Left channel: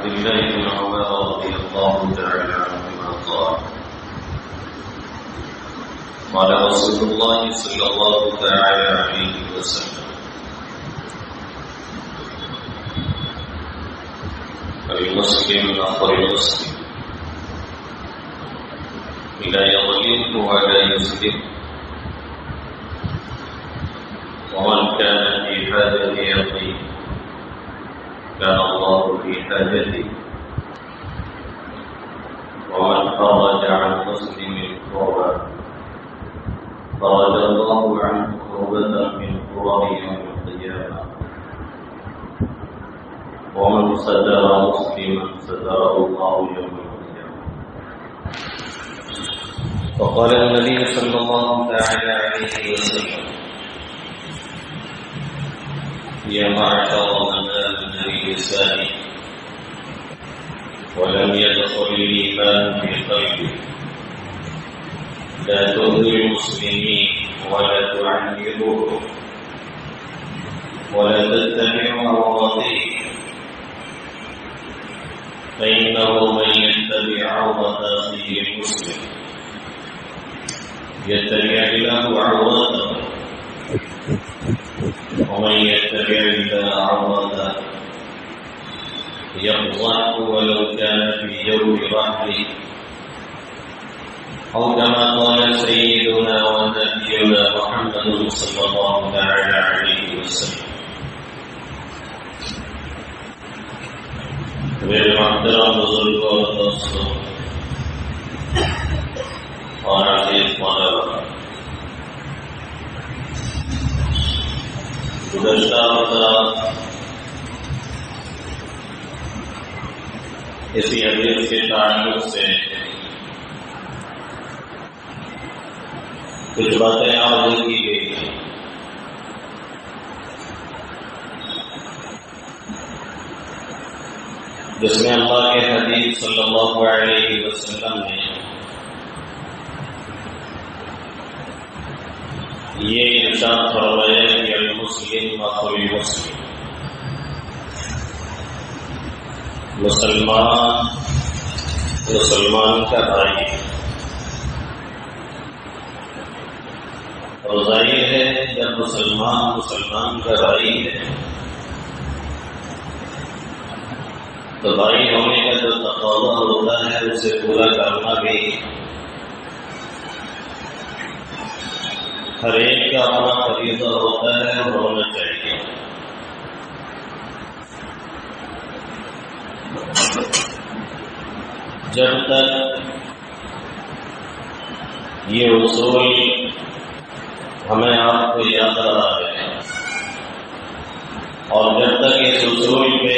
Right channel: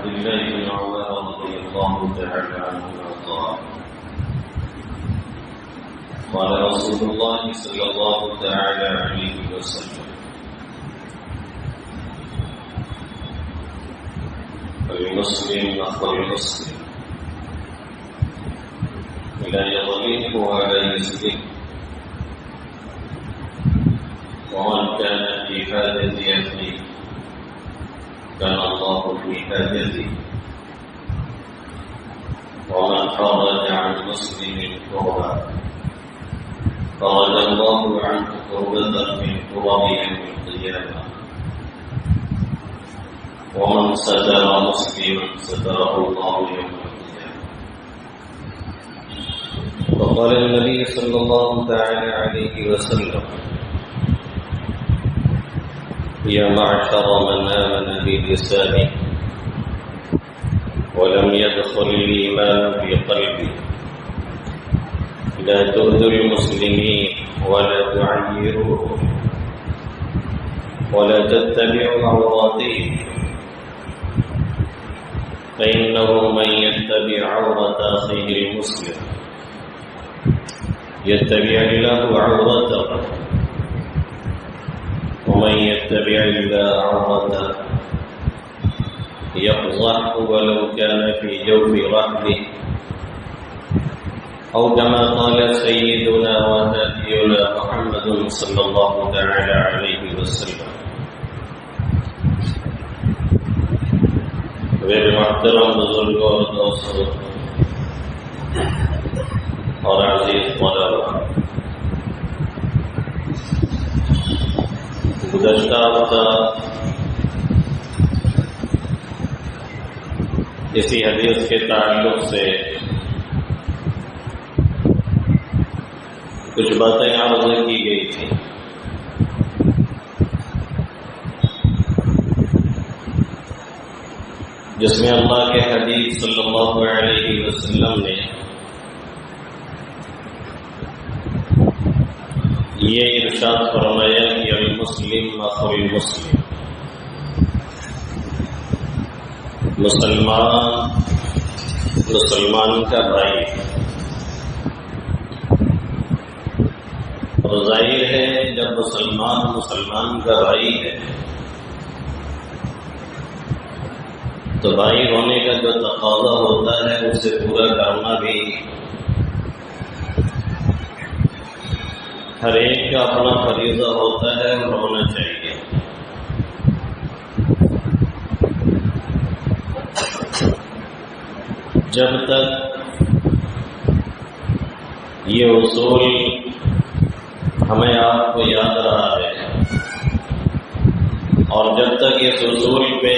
عبد الله بن عمر رضي الله تعالى عنهما قال رسول الله صلى الله تعالى عليه وسلم المسلم أخو المسلم لا يظلمه ولا يسلمه ومن كان في حاجة أخيه كان الله في حاجته ومن فرج عن مسلم كربا فرج الله عنه كربة من كرب يوم القيامة ومن ستر مسلما ستره الله يوم القيامة. وقال النبي صلى الله تعالى عليه وسلم يا معشر من آمن بلسانه ولم يدخل الإيمان في قلبه لا تؤذوا المسلمين ولا تعيروهم ولا تتبعوا عوراتهم فإنه من يتبع عورة أخيه المسلم يتبع الله عورته ومن يتبع الله عورته يفضحه ولو كان في جوف رحله أو كما قال سيدنا ونبينا محمد صلى الله تعالى عليه وسلم. میرے محترم بزرگوں اور دوستوں اور عزیز طلباء، گزشتہ ہفتہ اسی حدیث کے تعلق سے کچھ باتیں عرض کی گئی تھیں. جس میں اللہ کے حبیب صلی اللہ علیہ وسلم نے یہ ارشاد فرمایا کہ المسلم اخو المسلم، مسلمان کا بھائی. اور ظاہر ہے جب مسلمان کا بھائی ہے تو بھائی ہونے کا جو تقاضا ہوتا ہے اسے پورا کرنا بھی ہر ایک کا اپنا فریضہ ہوتا ہے اور ہونا چاہیے. جب تک یہ اصول ہمیں آپ کو یاد رہا ہے اور جب تک اس اصول پہ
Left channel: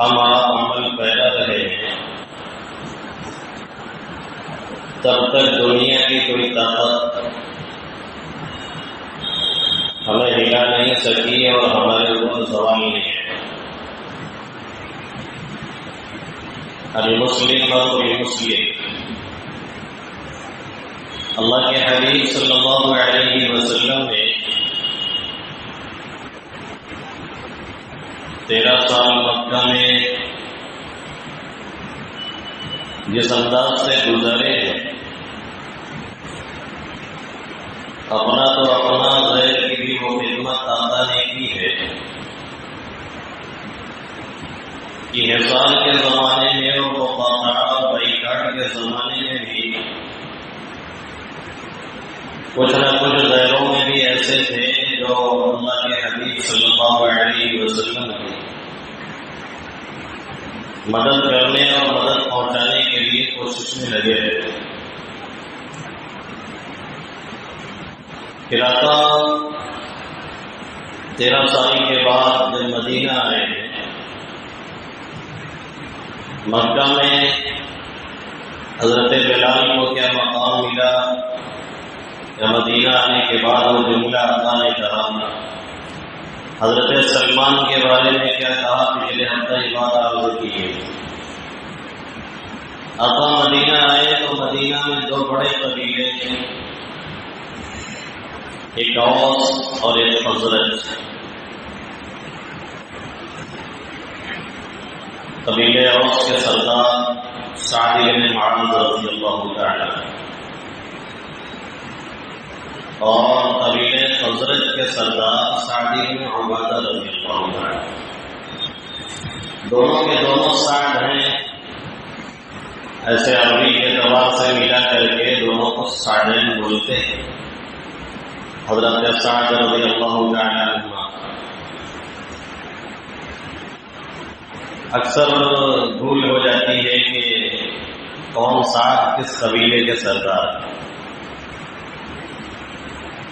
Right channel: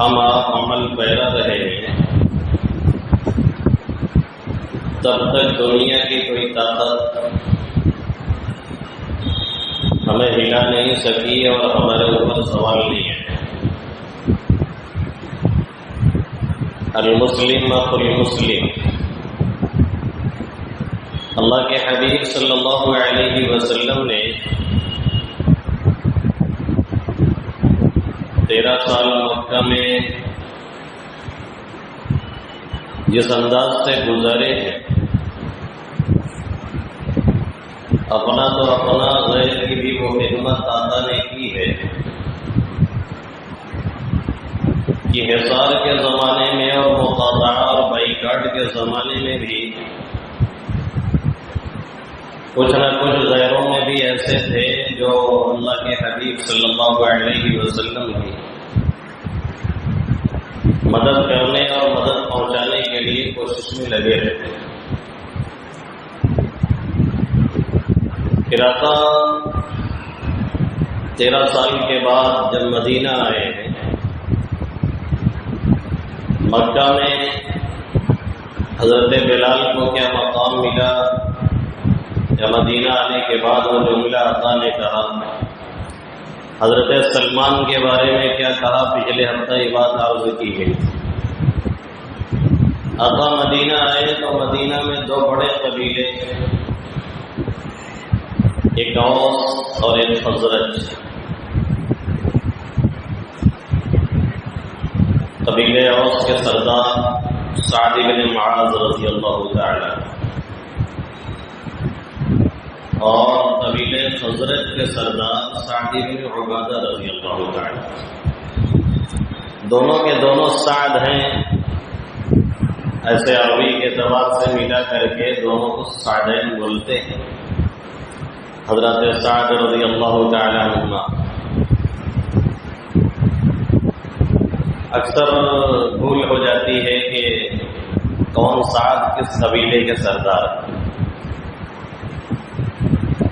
ہم آپ عمل پیرا رہے ہیں تب تک دنیا کی کوئی طاقت ہمیں ہلا نہیں سکی اور ہمارے اوپر سوال نہیں ہے. المسلم اخو المسلم، اللہ کے حبیب صلی اللہ علیہ وسلم نے 13 سال مکہ میں جس انداز سے گزارے ہیں، اپنا تو اپنا غیر کی بھی وہ خدمت آتا نے کی ہے کہ حصار کے زمانے میں اور مقاطعہ اور بائیکاٹ کے زمانے میں بھی کچھ نہ کچھ غیروں میں بھی ایسے تھے جو اللہ کے حبیب صلی اللہ علیہ وسلم کی مدد کرنے اور مدد پہنچانے کے لیے کوشش میں لگے رہتے. پھر آقا 13 سال کے بعد جب مدینہ آئے ہیں، مکہ میں حضرت بلال کو کیا مقام ملا یا مدینہ آنے کے بعد وہ جملہ عطا نے کہا، حضرت سلمان کے بارے میں کیا کہا، پچھلے ہفتہ یہ بات عرض کی گئی. آقا مدینہ آئے تو مدینہ میں 2 بڑے قبیلے تھے، ایک اوس اور ایک خزرج. قبیلے اوس کے سردار سعد بن معاذ رضی اللہ تعالی اور قبیلے خزرج کے سردار سعد بن عبادہ رضی اللہ تعالی، دونوں کے دونوں سعد ہیں، ایسے عربی کے اعتبار سے ملا کر کے دونوں کو سعدین بولتے ہیں۔ حضرت سعد رضی اللہ تعالی عنہ اکثر بھول ہو جاتی ہے کہ کون سعد کس قبیلے کے سردار،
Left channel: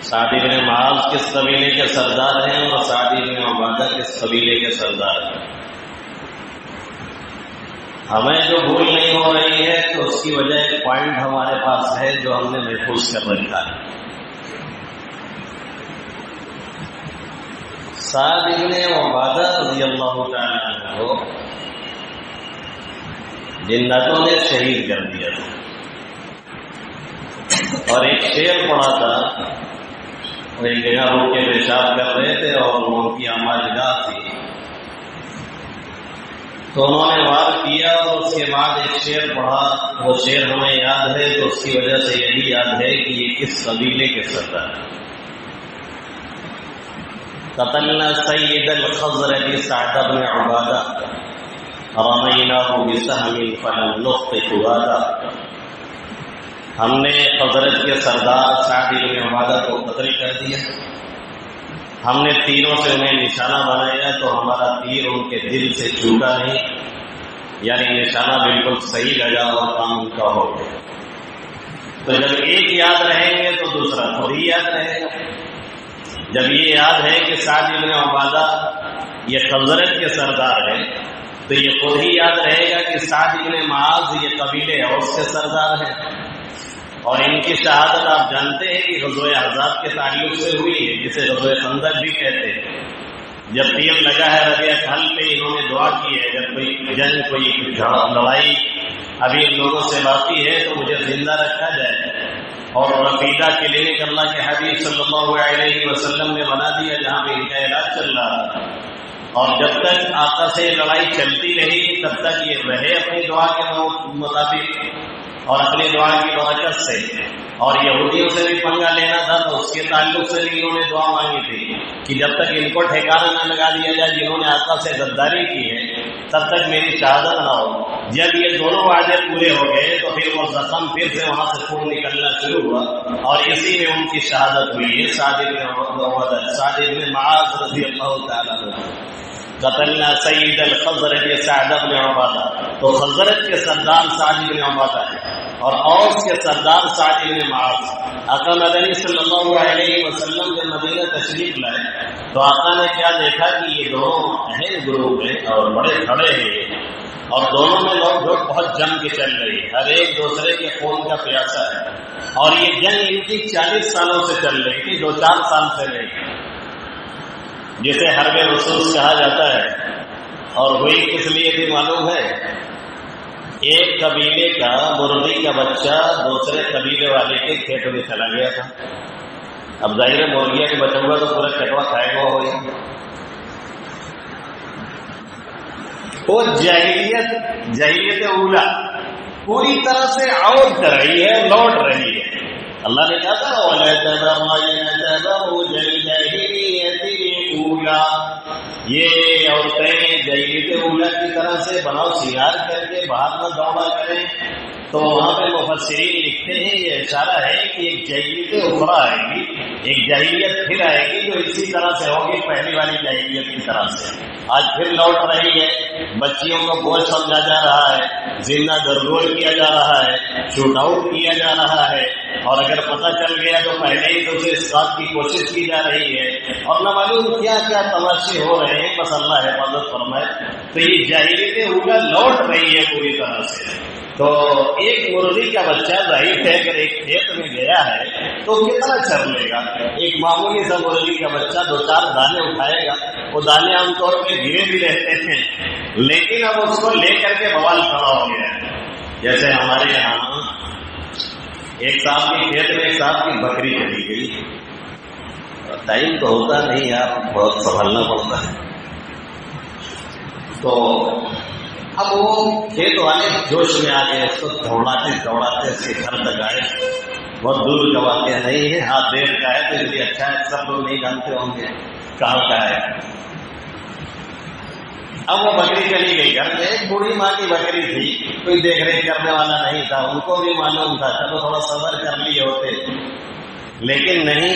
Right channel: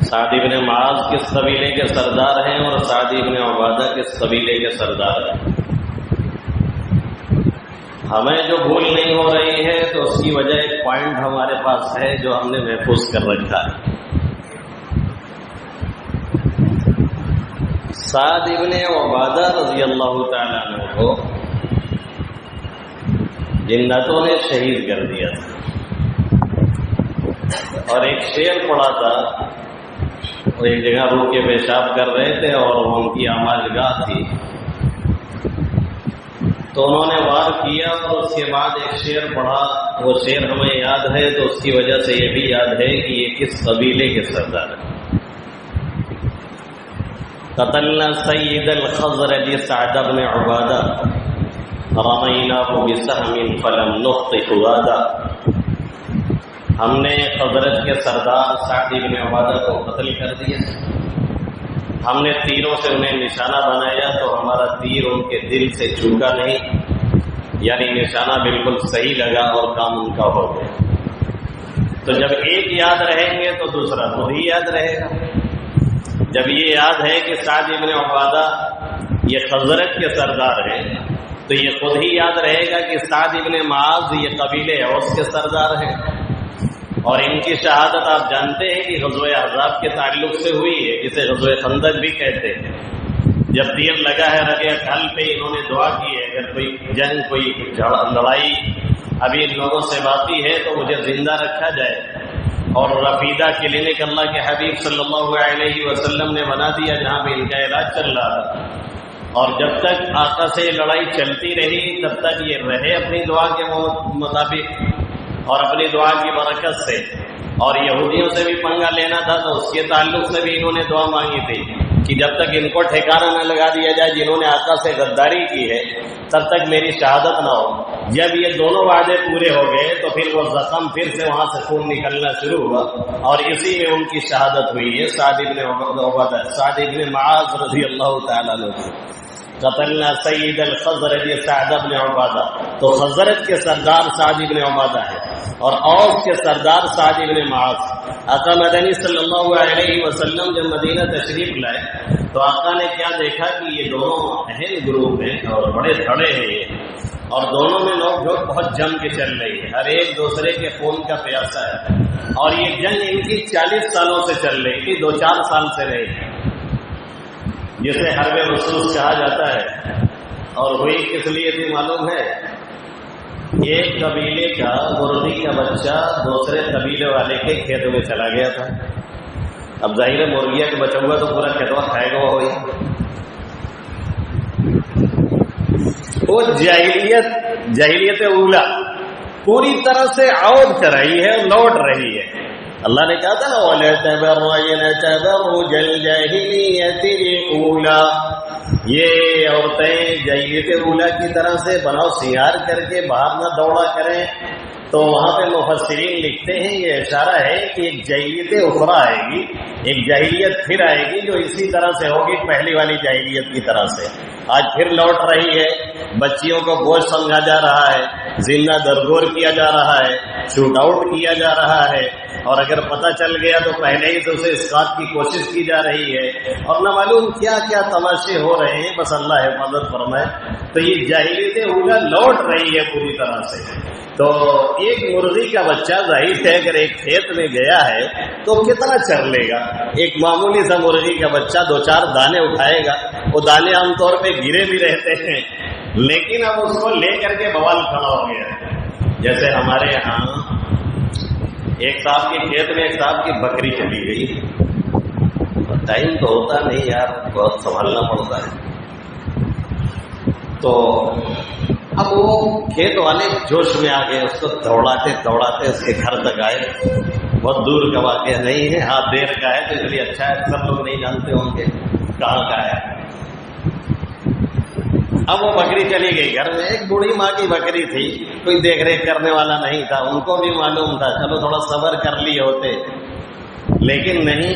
سعد بن معاذ کس قبیلے کے سردار ہیں اور سعد بن عبادہ کس قبیلے کے سردار ہیں۔ ہمیں جو بھول نہیں ہو رہی ہے تو اس کی وجہ ایک پوائنٹ ہمارے پاس ہے جو ہم نے محفوظ کر رکھا ہے۔ سعد بن عبادہ رضی اللہ تعالیٰ عنہ کو جناتوں نے شہید کر دیا تھا، اور ایک شعر پڑا تھا، وہ ایک جگہ روک کے پیشاب کر رہے تھے اور وہ ان کی آماج گاہ تھی، تو انہوں نے وار کیا اور اس کے بعد ایک شعر پڑھا، وہ شعر ہمیں یاد ہے تو اس کی وجہ سے یہی یاد ہے کہ یہ کس قبیلے کے سردار ہیں۔ قتلنا سید الخزرج سعد بن عبادہ رمیناہ بسہم فلم نخطئ وعدہ، ہم نے خزرج کے سردار سعد بن عبادہ کو قتل کر دیا، ہم نے تیروں سے انہیں نشانہ بنایا تو ہمارا تیر ان کے دل سے چوبا نہیں، یعنی نشانہ بالکل صحیح لگا اور کام ان کا ہو گیا۔ تو جب ایک یاد رہیں گے تو دوسرا خود ہی یاد رہے گا۔ جب یہ یاد ہے کہ سعد بن عبادہ یہ خزرج کے سردار ہیں تو یہ خود ہی یاد رہے گا کہ سعد بن معاذ یہ قبیلے اوس کے سردار ہیں، اور ان کی شہادت آپ جانتے ہیں کہ غزوہ احزاب کے تعلق سے ہوئی ہے، جسے غزوہ خندق بھی کہتے ہیں۔ جب تیر لگا ہے رگے کھل پہ انہوں نے دعا کی ہے جب کوئی جنگ کوئی لڑائی ابھی ان لوگوں سے باقی ہے تو مجھے زندہ رکھا جائے، اور رفیدہ کلینک اللہ کے حبیب صلی اللہ علیہ وسلم نے بنا دیا جہاں پہ ان کا علاج چل رہا تھا، اور جب تک آقا سے لڑائی چلتی رہی تب تک یہ رہے اپنی دعا کے مطابق اور اپنی دعا کی برکت سے، اور یہودیوں سے بھی پنگا لینا تھا تو اس کے تعلق سے بھی انہوں نے دعا مانگی تھی کہ جب تک ان کو ٹھکانہ نہ لگا دیا جائے جنہوں نے آقا سے غداری کی ہے تب تک میری شہادت نہ ہو۔ جب یہ دونوں وعدے پورے ہو گئے تو پھر وہ زخم پھر سے وہاں سے خون نکلنا شروع ہوا، اور اسی میں ان کی شہادت ہوئی ہے سعد بن معاذ رضی اللہ تعالیٰ عنہ۔ قتلنا سید الخزرج سعد بن عبادہ، تو خزرج کے سردار سعد بن عبادہ ہے اور اوس کے سردار سعد بن معاذ۔ آقا مدنی صلی اللہ علیہ وسلم جب مدینہ تشریف لائے تو آقا نے کیا دیکھا کہ یہ دونوں اہم گروپ ہیں اور بڑے کھڑے ہیں یہ، اور دونوں میں نوک جھوک بہت جم کے چل رہی ہے، ہر ایک دوسرے کے خون کا پیاسا ہے، اور یہ جنگ ان کی 40 سالوں سے چل رہی تھی، 2-4 سال سے رہی، جسے حرب رسوس کہا جاتا ہے۔ اور ہوئی کس لیے تھی معلوم ہے؟ ایک قبیلے کا مرغی کا بچہ دوسرے قبیلے والے کے کھیت میں چلا گیا تھا، اب ظاہر ہے مرغیا کے بچوں کا تو پورا کھیتوا کھائے گا ہو گیا۔ وہ جاہلیت اولا پوری طرح سے عود کر رہی ہے، لوٹ رہی ہے۔ اللہ نے کہا تھا وَلَا تَبَرَّجْنَ تَبَرُّجَ الْجَاهِلِيَّةِ الْأُولَىٰ، یہ عورتیں جاہلیت اولا کی طرح سے بناؤ سیار کر کے باہر نہ دوڑا کریں، تو وہاں پہ مفسرین لکھتے ہیں یہ اشارہ ہے کہ ایک جاہلیت اخرى آئے گی، ایک جاہلیت پھر آئے گی جو اسی طرح سے ہوگی پہلی والی جاہلیت کی طرح سے، آج پھر لوٹ رہی ہے۔ بچیوں کو بوجھ سمجھا جا رہا ہے، زندہ درگور کیا جا رہا ہے، شوٹ آؤٹ کیا جا رہا ہے، اور اگر پتہ چل گیا تو پہلے ہی تو اسے اسقاط کی کوشش کی جا رہی ہے، اور نہ معلوم کیا کیا تماشے ہو رہے ہیں، بس اللہ حفاظت فرمائے۔ تو یہ جاہلیت اولا لوٹ رہی ہے پوری طرح سے۔ تو ایک مرغی کا بچہ ظاہر ہے اگر ایک کھیت میں گیا ہے تو کتنا چر لے گا؟ ایک معمولی سا مرغی کا بچہ 2-4 دانے اٹھائے گا، وہ دانے عام طور پہ گرے بھی رہتے ہیں، لیکن اب اس کو لے کر کے بوال کھڑا ہو گیا ہے۔ جیسے ہمارے یہاں ایک صاحب کے کھیت میں ایک صاحب کی بکری چلی گئی، ٹائم تو ہوتا نہیں یار، بہت سنبھالنا پڑتا ہے، تو اب وہ کھیت والے جوش میں آ گئے، اس کو دوڑاتے دوڑاتے اس کے گھر تک آئے. بہت دور کا واقعہ نہیں ہے، ہاں دیر کا ہے تو اس لیے اچھا ہے، سب لوگ نہیں جانتے ہوں گے کہاں کا ہے. اب وہ بکری چلی گئی گھر میں. ایک بوڑھی ماں کی بکری تھی، کوئی دیکھ ریکھ کرنے والا نہیں تھا. ان کو بھی معلوم تھا چلو تھوڑا صبر کر لیے ہوتے، لیکن نہیں،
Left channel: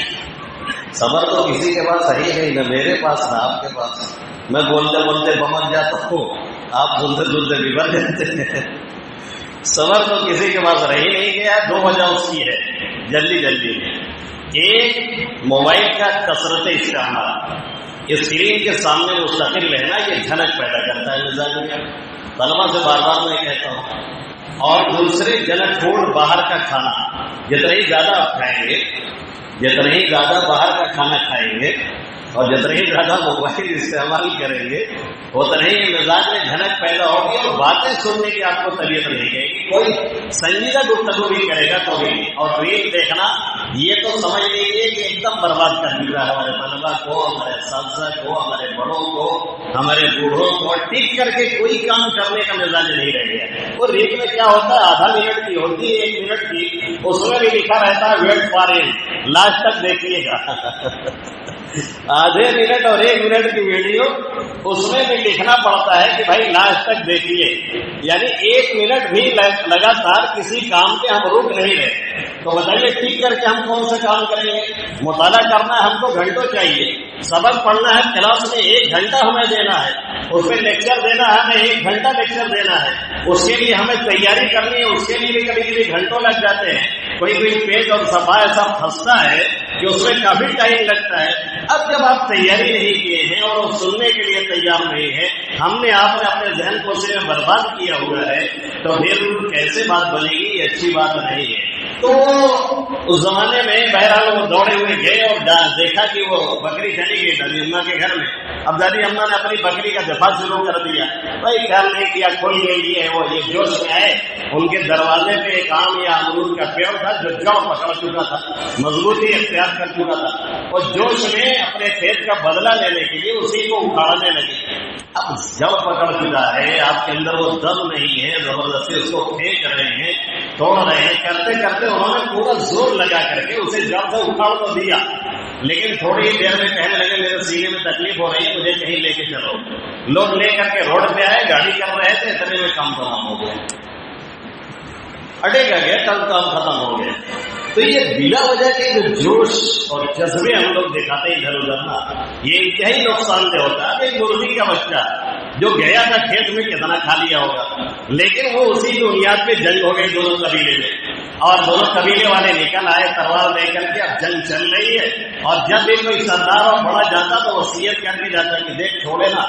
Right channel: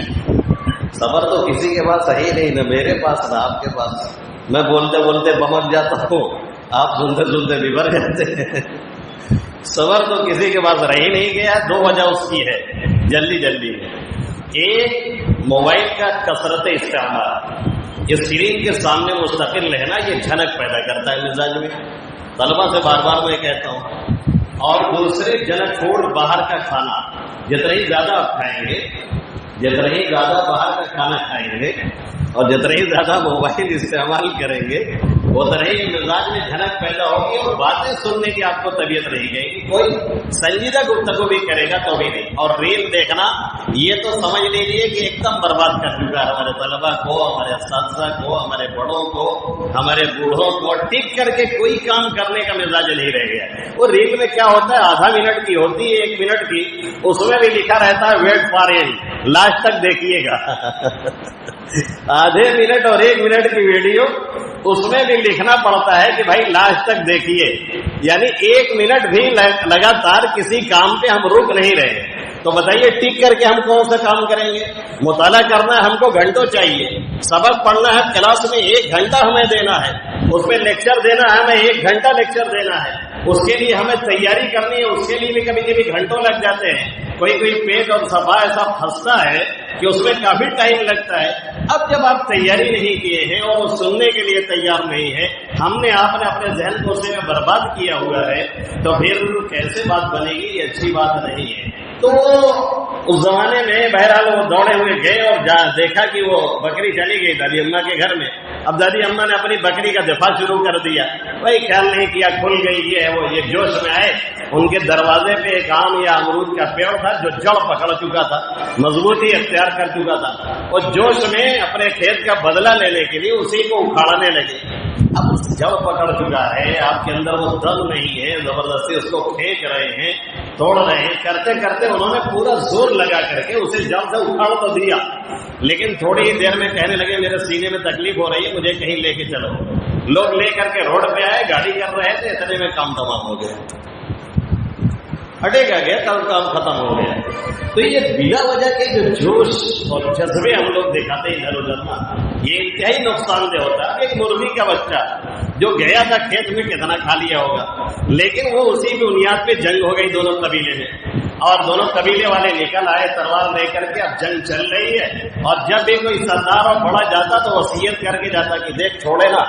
صبر تو کسی کے پاس ہے ہی نہیں، نہ میرے پاس نہ آپ کے پاس. میں بولتے بولتے بمک جاتا ہوں، آپ سنتے سنتے بگڑ جاتے ہیں. صبر تو کسی کے پاس رہ ہی نہیں گیا. دو وجہ اس کی ہے جلدی جلدی میں. ایک، موبائل کا کثرت استعمال، اسکرین کے سامنے مستقل رہنا یہ جھنک پیدا کرتا ہے مزاج میں. طلبا سے بار بار میں کہتا ہوں. اور دوسرے، جنک فوڈ، باہر کا کھانا جتنا ہی زیادہ آپ کھائیں گے، جتنا ہی زیادہ باہر کا کھانا کھائیں گے اور جتنا ہی زیادہ موبائل استعمال کریں گے اتنا ہی مزاج میں جھنک پیدا ہوگی اور باتیں سننے کی آپ کو طبیعت نہیں گئے گی. کوئی سنجیدہ گفتگو بھی کرے گا تو بھی نہیں. اور ریل دیکھنا یہ تو سمجھ لیجیے کہ ایک دم برباد کر دیا ہمارے طلبا کو، ہمارے اساتذہ کو، ہمارے بڑوں کو، ہمارے بوڑھوں کو. ٹک کر کے کوئی کام کرنے کا مزاج نہیں رہ گیا. وہ ریل میں کیا ہوتا ہے، آدھا منٹ کی ہوتی ہے، 1 منٹ کی، اس میں بھی لکھا رہتا ہے ویٹ فار اینڈ، لاسٹ تک دیکھیے گا. آدھے منٹ اور 1 منٹ کی ویڈیو، اس میں بھی لکھنا پڑتا ہے کہ بھائی لاسٹ تک دیکھیے. یعنی 1 منٹ بھی لگاتار کسی کام پہ ہم رک نہیں رہے. تو بتائیے ٹک کر کے ہم کون سا کام کریں گے؟ مطالعہ کرنا ہے ہم کو گھنٹوں چاہیے، سبق پڑھنا ہے کلاس میں 1 گھنٹہ ہمیں دینا ہے، اس پہ لیکچر دینا ہے ہمیں 1 گھنٹہ لیکچر دینا ہے، اس کے لیے ہمیں تیاری کرنی ہے، اس کے لیے بھی کبھی کبھی گھنٹوں لگ جاتے ہیں. کوئی پیج اور صفحہ ایسا پھنستا ہے کہ اس میں کافی ٹائم لگتا ہے. اب جب آپ تیاری نہیں کیے ہیں اور سننے کے لیے تیار نہیں ہے، ہم نے آپ نے اپنے ذہن کو اس میں برباد کیا ہوا ہے، تو پھر کیسے بات بنے گی؟ یہ اچھی بات نہیں ہے. تو اس زمانے میں بہرحال وہ دوڑے ہوئے گئے اور دیکھا کہ وہ بکری چلی گئی دادی اماں کے گھر میں. اب دادی اماں نے اپنی بکری کا دفاع شروع کر دیا. بھائی خیال نہیں کیا، کھل گئی یہ وہ. یہ جوش میں آئے، ان کے دروازے پہ ایک آم یا امرود کا پیڑ تھا جو جڑ پکڑ چکا تھا، مضبوطی اختیار کر چکا تھا. اور جوش میں اپنے کھیت کا بدلہ لینے کے لیے اسی کو اکھاڑنے لگے. اب جڑ پکڑ چکا ہے، آپ کے اندر وہ دم نہیں ہے، زبردستی اس کو پھینک رہے ہیں، توڑ رہے ہیں. کرتے کرتے انہوں نے پورا زور لگا کر کے اسے جڑ سے اکھاڑ تو دیا، لیکن تھوڑی ہی دیر میں کہنے لگے میرے سینے میں تکلیف ہو رہی ہے، مجھے کہیں لے کے چلو. لوگ لے کر کے روڈ پہ آئے، گاڑی کر رہے تھے، اتنے میں کام تمام ہو گیا. ہٹے گا گیا، کل کام ختم ہو گیا. تو یہ بلا وجہ کے جو جوش اور جذبے ہم لوگ دکھاتے ہیں ادھر ادھر نا، یہ انتہائی نقصان دہ ہوتا ہے. ایک مرغی کا بچہ جو گیا تھا کھیت میں کتنا کھا لیا ہوگا، لیکن وہ اسی بنیاد پہ جنگ ہو گئی دونوں قبیلے میں، اور دونوں قبیلے والے نکل آئے تلوار لے کر کے. اب جنگ چل رہی ہے، اور جب بھی کوئی سردار اور بڑا جاتا تو وصیت کر کے جاتا کہ دیکھ چھوڑے نا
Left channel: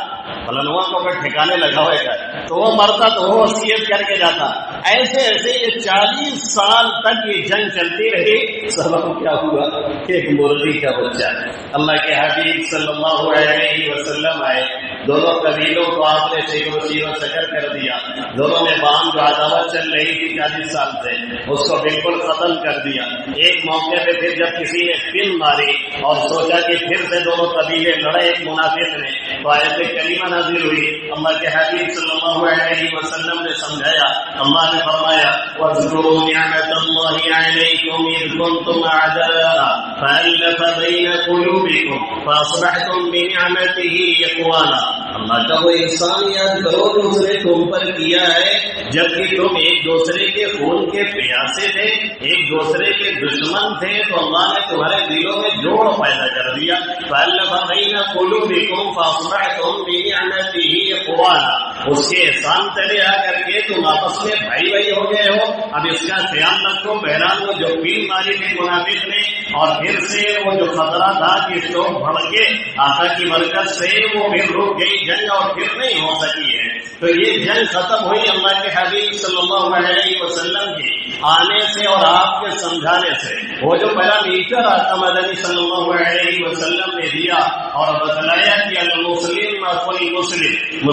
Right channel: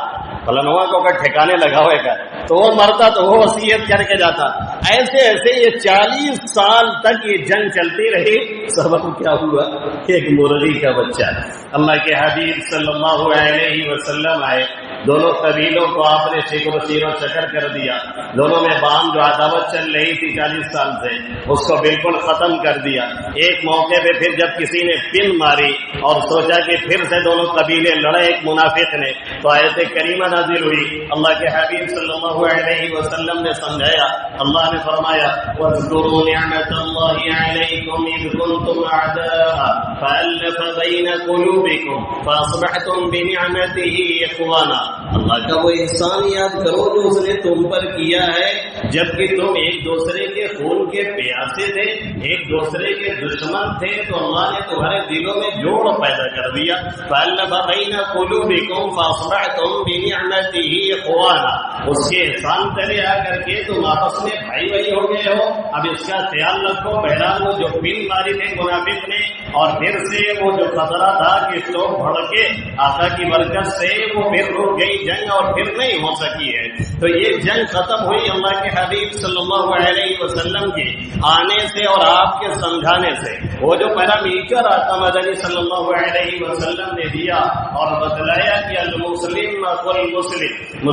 فلنوا کو اگر ٹھکانے لگا ہوئے گا، تو وہ مرتا تو وہ وصیت کر کے جاتا. ایسے ایسے یہ 40 سال تک یہ جنگ چلتی رہی. سبب کیا ہوا؟ ایک مرغی کا بچہ. اللہ کے حبیب صلی اللہ علیہ وسلم آئے، دونوں قبیلوں کو آپ نے شکر و شیر و شکر کر دیا. دونوں میں باہم جو عداوت چل رہی تھی 40 سال سے، اس کو بالکل ختم کر دیا. ایک موقع پہ پھر جب کسی نے پن ماری اور سوچا کہ پھر سے دونوں قبیلے لڑے ایک منافق نے، تو آیت کریمہ نازل ہوئی. اللہ کے حبیب صلی اللہ علیہ وسلم نے سمجھایا. اللہ نے فرمایا وَاذْكُرُوا نِعْمَةَ اللَّهِ عَلَيْكُمْ إِذْ كُنْتُمْ أَعْدَاءً فَأَلَّفَ بَيْنَ قُلُوبِكُمْ فَأَصْبَحْتُمْ بِنِعْمَتِهِ إِخْوَانًا. اللہ کا وہ احسان یاد کرو جو اس نے تم پر کیا ہے، جبکہ تم ایک دوسرے کے خون کے پیاسے تھے، ایک دوسرے کے دشمن تھے، تو اللہ نے تمہارے دلوں میں جوڑ پیدا کر دیا. فَأَلَّفَ بَيْنَ قُلُوبِكُمْ فَأَصْبَحْتُمْ بِنِعْمَتِهِ إِخْوَانًا. اس کے احسان تلے آ کر کے تم آپس میں بھائی بھائی ہو گئے ہو. اب اس کا خیال رکھو. بہرحال وہ جو پین ماری تھی منافق نے، اور پھر سے وہ جو خطرہ تھا کہ لوگ بھڑکے، آقا کی برکت سے وہ پھر رک گئی جنگ اور پھر نہیں ہو سکی ہے. تو یہ جنگ ختم ہوئی اللہ کے حبیب صلی اللہ علیہ وسلم کی آنے سے اور آپ کے سمجھانے سے. وہ جو پہلا میٹر آتا مدنی صلی اللہ علیہ وسلم نے دیا اور بتلایا کہ المسلم اخو المسلم،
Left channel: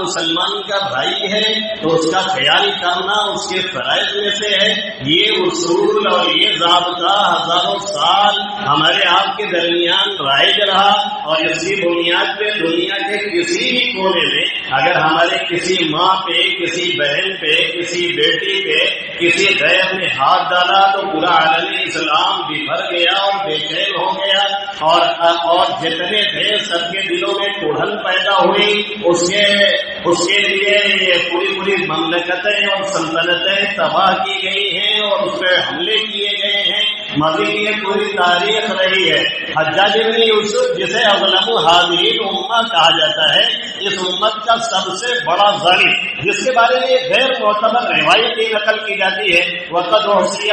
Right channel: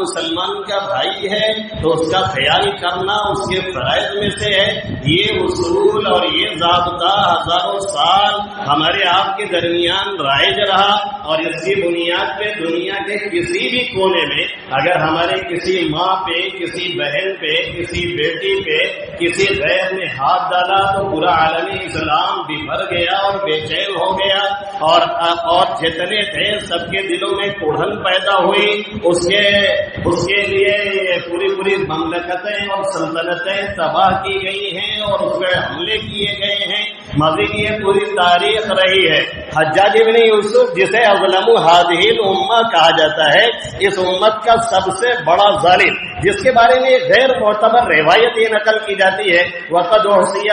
مسلمان کا بھائی ہے تو اس کا خیال کرنا اس کے فرائض میں سے ہے. یہ اصول اور یہ ضابطہ ہزاروں سال ہمارے آپ کے درمیان رائج رہا، اور اس کی بنیاد پہ دنیا کے کسی بھی کونے میں اگر ہمارے کسی ماں پہ، کسی بہن پہ، کسی بیٹی پہ کسی غیر نے ہاتھ ڈالا تو پورا عالم اسلام بھر گیا اور بے چین ہو گیا، اور جتنے تھے سب کے دلوں میں کوڑھن پیدا ہوئی، اس کے لیے پوری مملکتیں اور سلطنتیں تباہ کی گئی ہیں اور اس پہ حملے کیے گئے ہیں، ماضی کی یہ پوری تاریخ رہی ہے۔ حجاج بن یوسف جسے اظلم ہذہ الامہ کہا جاتا ہے، اس امت کا سب سے بڑا ظالم، جس کے بارے میں غیر معتبر روایت یہ نقل کی جاتی ہے، وقد احصی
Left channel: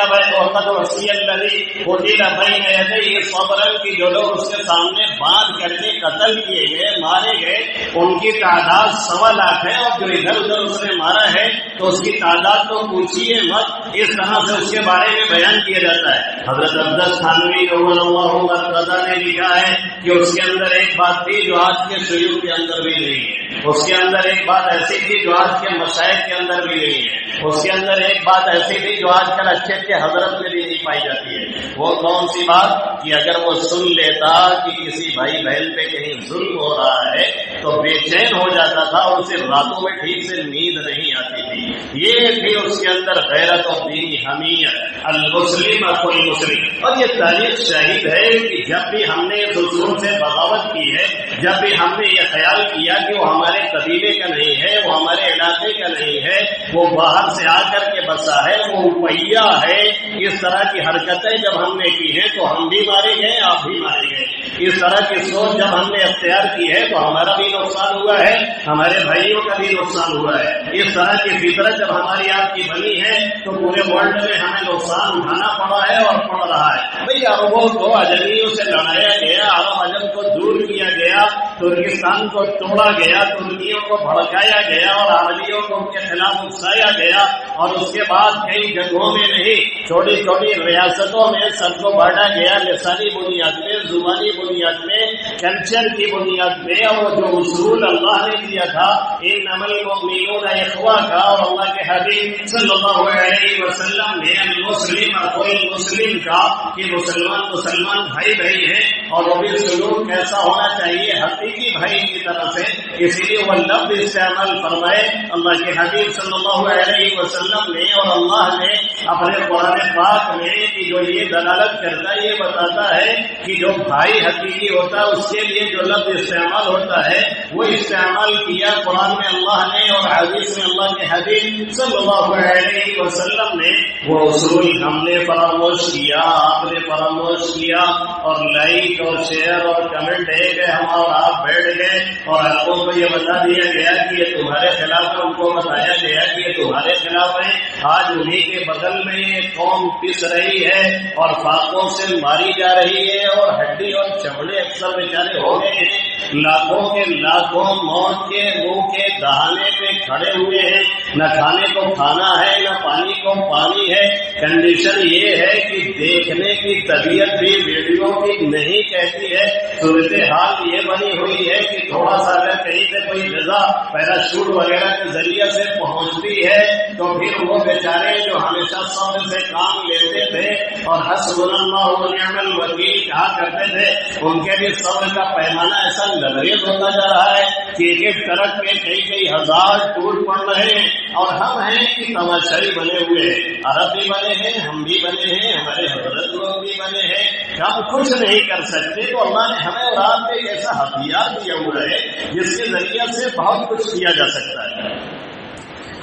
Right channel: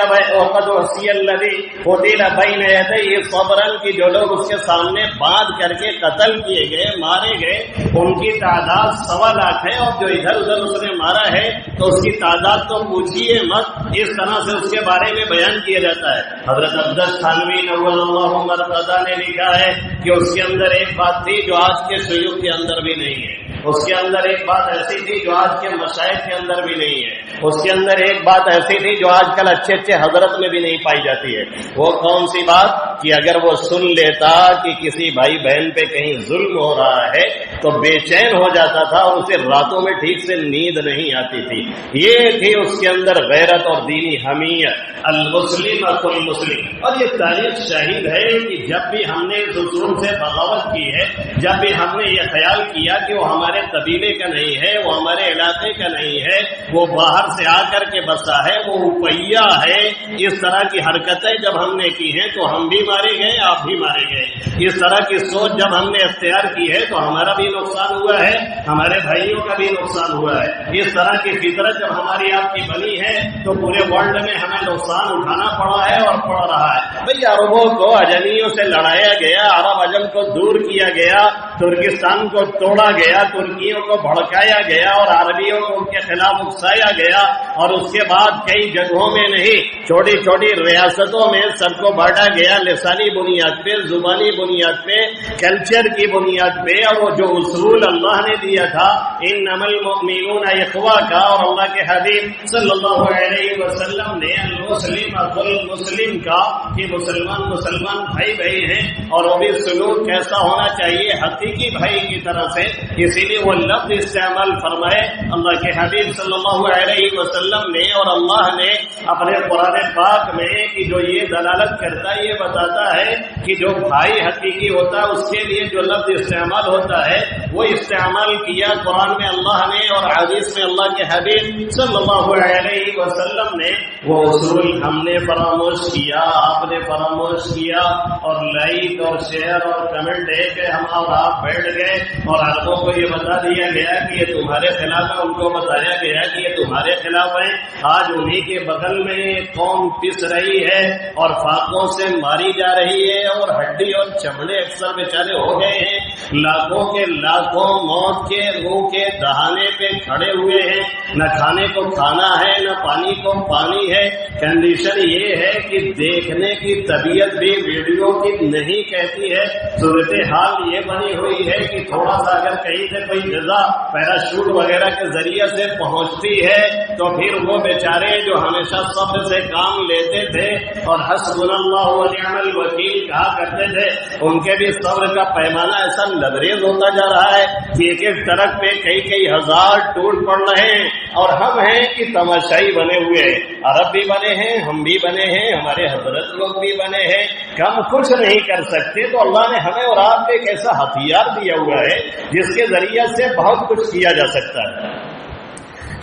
الذی قتل بین یدیہ صبرا، کہ جو لوگ اس کے سامنے باندھ کر کے قتل کیے گئے، مارے گئے، ان کی تعداد 1.25 لاکھ ہے، اور جو ادھر ادھر اس نے مارا ہے تو اس کی تعداد تو پوچھیے مت۔ اس طرح سے اس کے بارے میں بیان کیا جاتا ہے۔ حضرت عبداللہ تھانوی نور اللہ مرتضیٰ نے لکھا ہے کہ اس کے اندر ایک بات تھی جو آج کے شیوخ کے اندر بھی نہیں ہے، اس کے اندر ایک بات ایسی تھی جو آج کے مشائخ کے اندر بھی نہیں ہے، اس کے اندر ایک بات ایسی تھی جو آج کل اچھے حضرت میں بھی نہیں پائی جاتی ہے۔ وہ کون سی بات؟ کہ اگر وہ سن لیتا کہ کسی بھائی بہن پہ کہیں ظلم ہو رہا ہے تو بے چین ہو جاتا تھا اور اسے راتوں میں ٹھیک سے نیند نہیں آتی تھی۔ یہ تھی اس کے اندر غیرت اور دینی حمیت، المسلم اخو المسلم۔ اور یہ تاریخ شاہد ہے کہ جب بھی ہم نے اس اصول سے بغاوت کی ہے، جب بھی ہم نے یہ خیال کیا کہ وہ ہمارے قبیلے کا نہیں ہے، وہ ہمارے علاقے کا نہیں ہے، وہ باہر سے آ کر کے بسا ہے، وہ روپیہ ہے، اس طرح کی حرکتیں جب ہم نے کی ہیں تو ہم بھی مارے گئے، آپ بھی مارے گئے۔ اس طرح کی سوچ جب ہم نے اختیار کی ہے تو ہمارا بھی نقصان ہوا ہے، ہمارے بھائیوں کا بھی نقصان ہوا ہے۔ اس طرح کی فطرت جب ہماری آپ کی بنی ہے تو پورے ورلڈ میں ہمیں نقصان اٹھانا پڑا ہے اور پڑ رہا ہے۔ بھئی عربوں کو اجمیوں سے لڑایا گیا، عرب عجم کو دور کیا گیا، ترکستان کو توڑا گیا، ترکیوں کو بھڑکایا گیا اور عربیوں کو ان کے خلاف اکسایا گیا، اور اس کے بعد کئی جگہوں میں نہیں، چھوٹی چھوٹی ریاستوں میں سب کو بانٹا گیا لسانی بنیاد پہ، زبانی بنیاد پہ، کلچر کی بنیاد پہ، اور وہ جو اصول اللہ نے دیا تھا انما المؤمنون اخوہ کا، اور اللہ کے حبیب صلی اللہ علیہ وسلم نے المسلم اخو المسلم کا، کہ مسلمان بھائی بھائی ہیں، اور وہ بھی سلوک کیسا ہونا چاہیے حقیقی بھائی کی طرف سے۔ اسی لیے وہ لفظ استعمال فرمائے اللہ کے حبیب صلی اللہ علیہ وسلم نے اور اللہ نے اپنے قرآن پاک میں، کہ جو یہ دلالت کرتا ہے، یہ بتاتا ہے کہ جو بھائی حقیقی ہوتا ہے اس کے لیے جو لفظ استعمال ہوتا ہے وہ استعمال کیا قرآن میں اللہ نے اور حدیث میں اللہ کے حبیب صلی اللہ علیہ وسلم نے۔ وہ اصول ہم نے فراموش کیا، آپ نے فراموش کیا، اور لائک اور شیئر اور کمنٹ دے کے ہم اور آپ بیٹھ گئے اور آپ کو یہ بتا دیا گیا کہ یہ تمہارے خلاف ہے، ان کو بتایا گیا کہ یہ تمہارے خلاف ہے۔ آج انہی کے بغل میں قوم پس رہی ہے اور فاقوں سے ماری جا رہی ہے، اور ہڈی اور چمڑے اکثر بیچارے ہو گئے ہیں، لاکھوں کے لاکھوں موت کے منہ کے دہانے پہ کھڑے ہوئے ہیں، نہ کھانے کو کھانا ہے، نہ پانی کو پانی ہے۔ کنڈیشن یہ ہے کہ دیکھنے کی طبیعت بھی ویڈیو کی نہیں کہتی ہے۔ صورتحال یہ بنی ہوئی ہے کہ تھوڑا سا اگر کہیں سے کوئی غذا پیراشوٹ وغیرہ کے ذریعے سے پہنچتی ہے تو پھر وہ بیچارے جو ہمیشہ صبر سے کام لیتے تھے اور حسبنا اللہ ونعم الوکیل کہا کرتے تھے، ان کے بھی صبر کا پیمانہ ایسا لبریز ہوتا جا رہا ہے کہ ایک ایک ٹرک پہ کئی ہزار ٹور پڑ رہے ہیں، اور ہم ہیں کہ تماشائی بنے ہوئے ہیں۔ عرب بھی بنے ہیں، ہم بھی بنے ہیں، ہمارے حضرت لوگ بھی بنے ہیں، ہم کچھ نہیں کر سکتے۔ تو اللہ نے ہمیں اور آپ کو ایک ایسا ہتھیار دیا ہوا ہے جس کے ذریعے سے بہت کچھ کیا جا سکتا ہے۔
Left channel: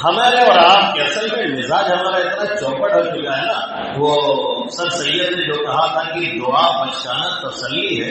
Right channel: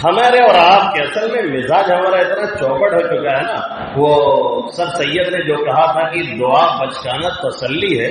ہمارے اور آپ کے اصل میں مزاج ہمارا اتنا چوپٹ ہو چکا ہے نا، وہ سر سید نے جو کہا تھا کہ دعا بچکانا تسلی ہے،